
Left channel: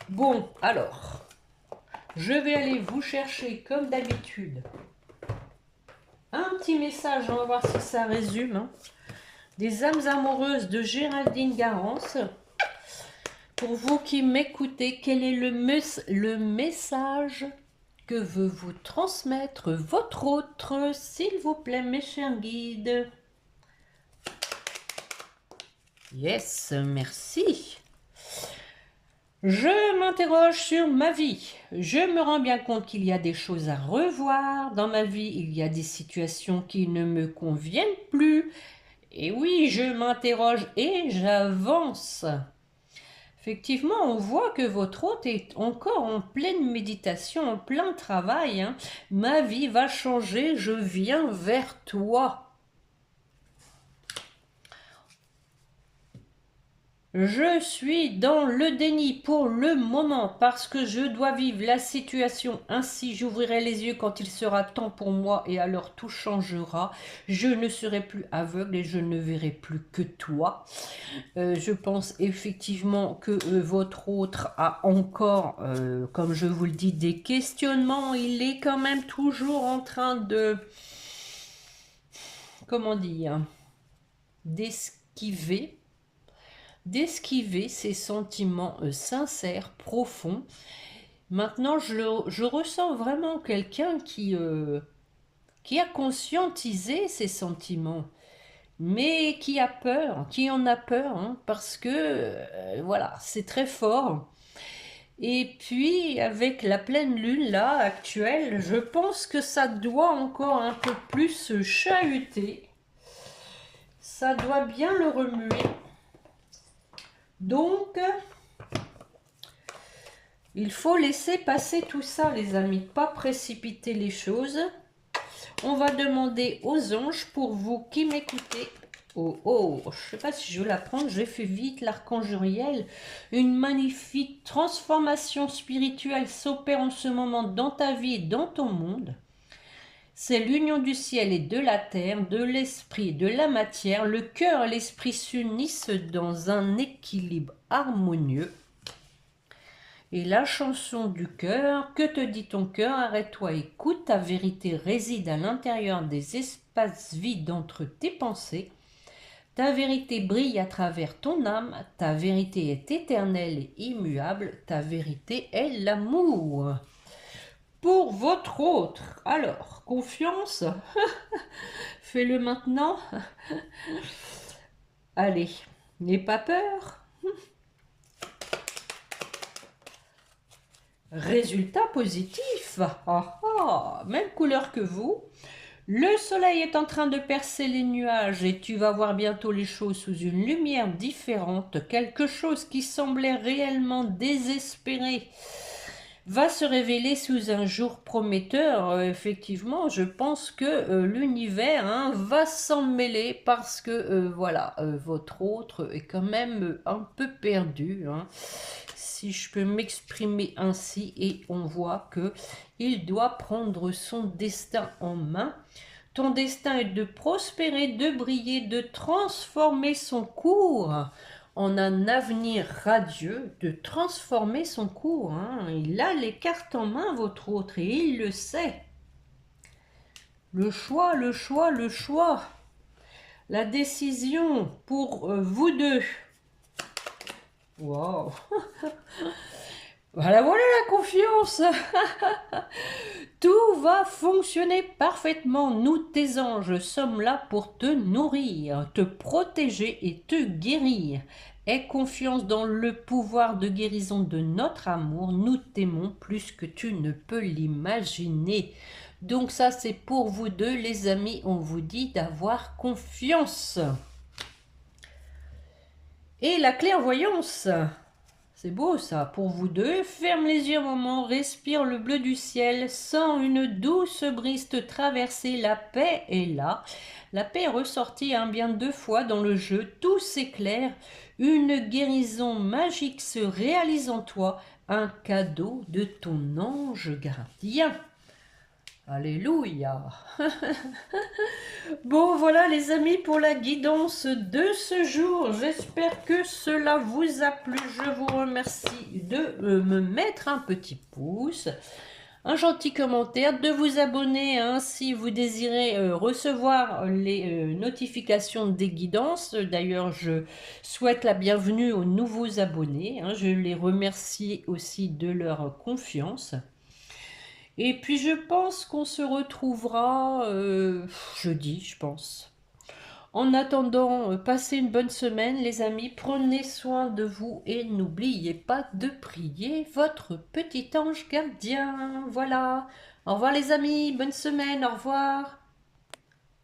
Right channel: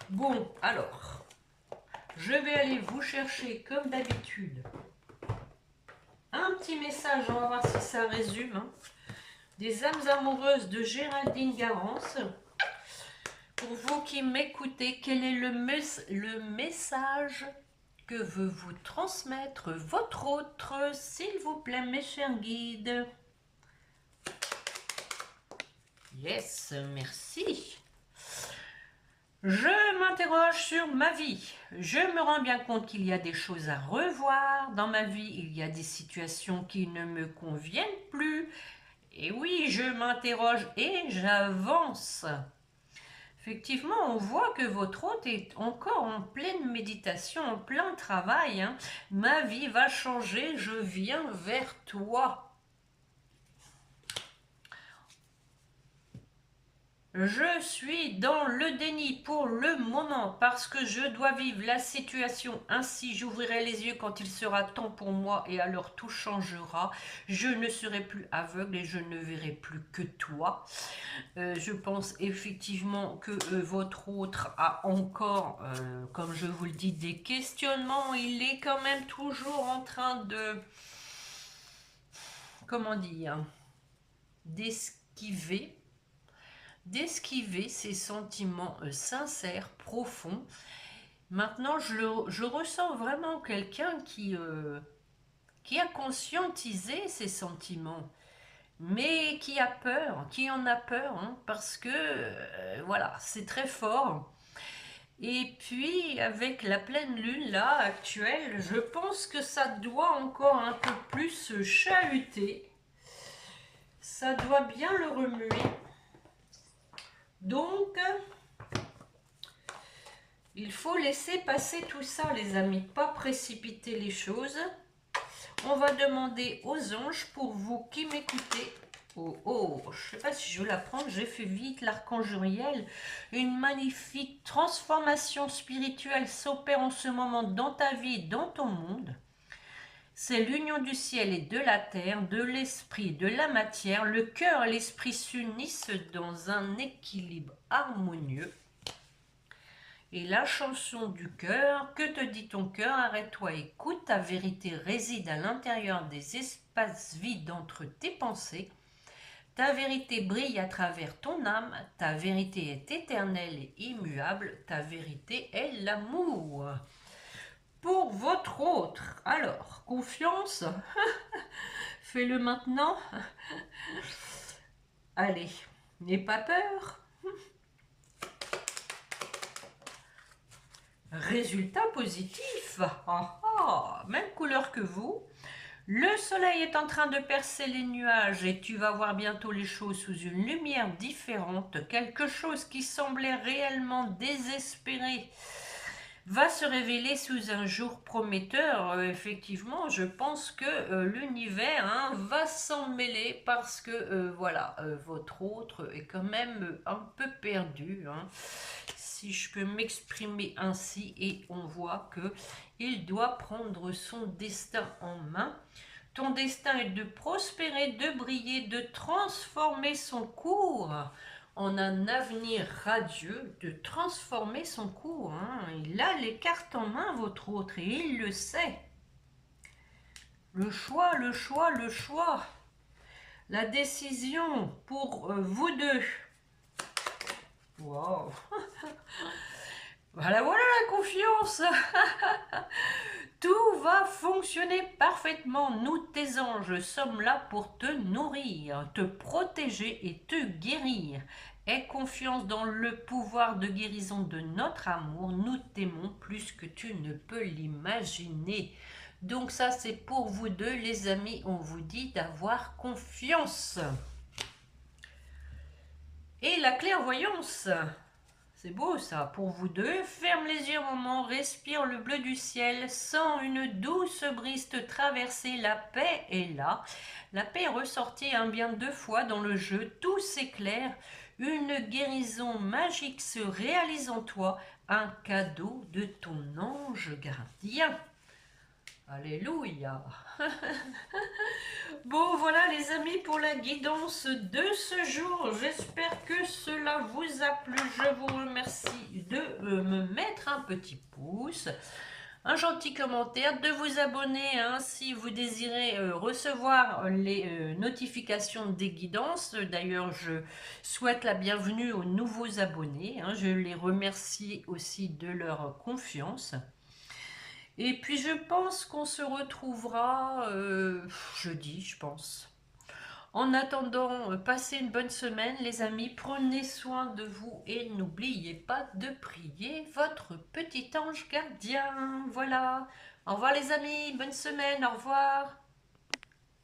bon, alors, je vais aller vous chercher comme d'habitude un petit message, on va voir si ça résume, hein, des âmes amoureuses de Géraldine Garance. Pour vous qui m'écoutez, quel est le message que veut vous transmettre votre autre, s'il vous plaît, mes chers guides? Yes, merci. Je m'interroge sur ma vie. Je me rends bien compte qu'il y a des choses à revoir. Dans ma vie, il y a des situations qui ne me conviennent plus. Et oui, je m'interroge et j'avance. Effectivement, on voit que votre hôte est encore en pleine méditation, en plein travail, hein. Ma vie va changer, je viens vers toi. Je suis dans le déni pour le moment parce que je dois vivre la situation. Ainsi, j'ouvrirai les yeux quand il sera temps pour moi et alors tout changera. Je ne serai plus aveugle et je ne verrai plus que toi. Je pense effectivement que votre autre a encore, comme je vous le dis, des questionnements. Il est quand même toujours en train de, comment dire, d'esquiver ses sentiments sincères, profonds. Maintenant, je ressens vraiment quelqu'un qui a conscientisé ses sentiments, mais qui a peur, qui en a peur, hein, parce que, voilà, c'est très fort. Et puis, avec la pleine lune, là, actuelle, je pense que ça doit encore un peu plus se chahuter. Ça doit bien le remuer. Donc, il faut laisser passer tout ça, les amis, pas précipiter les choses. On va demander aux anges pour vous qui m'écoutez. Oh, oh, je ne sais pas si je vais la prendre, j'ai fait vite l'archange Uriel. Une magnifique transformation spirituelle s'opère en ce moment dans ta vie et dans ton monde. C'est l'union du ciel et de la terre, de l'esprit et de la matière. Le cœur et l'esprit s'unissent dans un équilibre harmonieux. Et la chanson du cœur, que te dit ton cœur? Arrête-toi, écoute, ta vérité réside à l'intérieur des espaces vides entre tes pensées. Ta vérité brille à travers ton âme, ta vérité est éternelle et immuable, ta vérité est l'amour. Pour votre autre, alors, confiance, fais-le maintenant. Allez, n'aie pas peur. Résultat positif. Ah, ah, même couleur que vous. Le soleil est en train de percer les nuages et tu vas voir bientôt les choses sous une lumière différente. Quelque chose qui semblait réellement désespéré va se révéler sous un jour prometteur. Effectivement, je pense que l'univers, hein, va s'en mêler parce que voilà, votre autre est quand même un peu perdu, hein, si je peux m'exprimer ainsi, et on voit que il doit prendre son destin en main. Ton destin est de prospérer, de briller, de transformer son cours en un avenir radieux, de transformer son cours, hein. Il a les cartes en main, votre autre, et il le sait. Le choix, le choix, le choix. La décision pour vous deux. Wow. Voilà, voilà la confiance. Tout va fonctionner parfaitement. Nous, tes anges, sommes là pour te nourrir, te protéger et te guérir. Aie confiance dans le pouvoir de guérison de notre amour. Nous t'aimons plus que tu ne peux l'imaginer. Donc ça, c'est pour vous deux, les amis. On vous dit d'avoir confiance. Et la clairvoyance. C'est beau ça, pour vous deux. Ferme les yeux un moment, respire le bleu du ciel, sens une douce brise te traverser, la paix est là. La paix est ressortie bien 2 fois dans le jeu, tout s'éclaire, une guérison magique se réalise en toi, un cadeau de ton ange gardien. Alléluia. Bon, voilà les amis pour la guidance de ce jour. J'espère que cela vous a plu. Je vous remercie de me mettre un petit pouce, un gentil commentaire, de vous abonner, hein, si vous désirez recevoir les notifications des guidances. D'ailleurs, je souhaite la bienvenue aux nouveaux abonnés, hein. Je les remercie aussi de leur confiance. Et puis je pense qu'on se retrouvera jeudi, je pense. En attendant, passez une bonne semaine, les amis. Prenez soin de vous et n'oubliez pas de prier votre petit ange gardien. Voilà. Au revoir, les amis. Bonne semaine. Au revoir.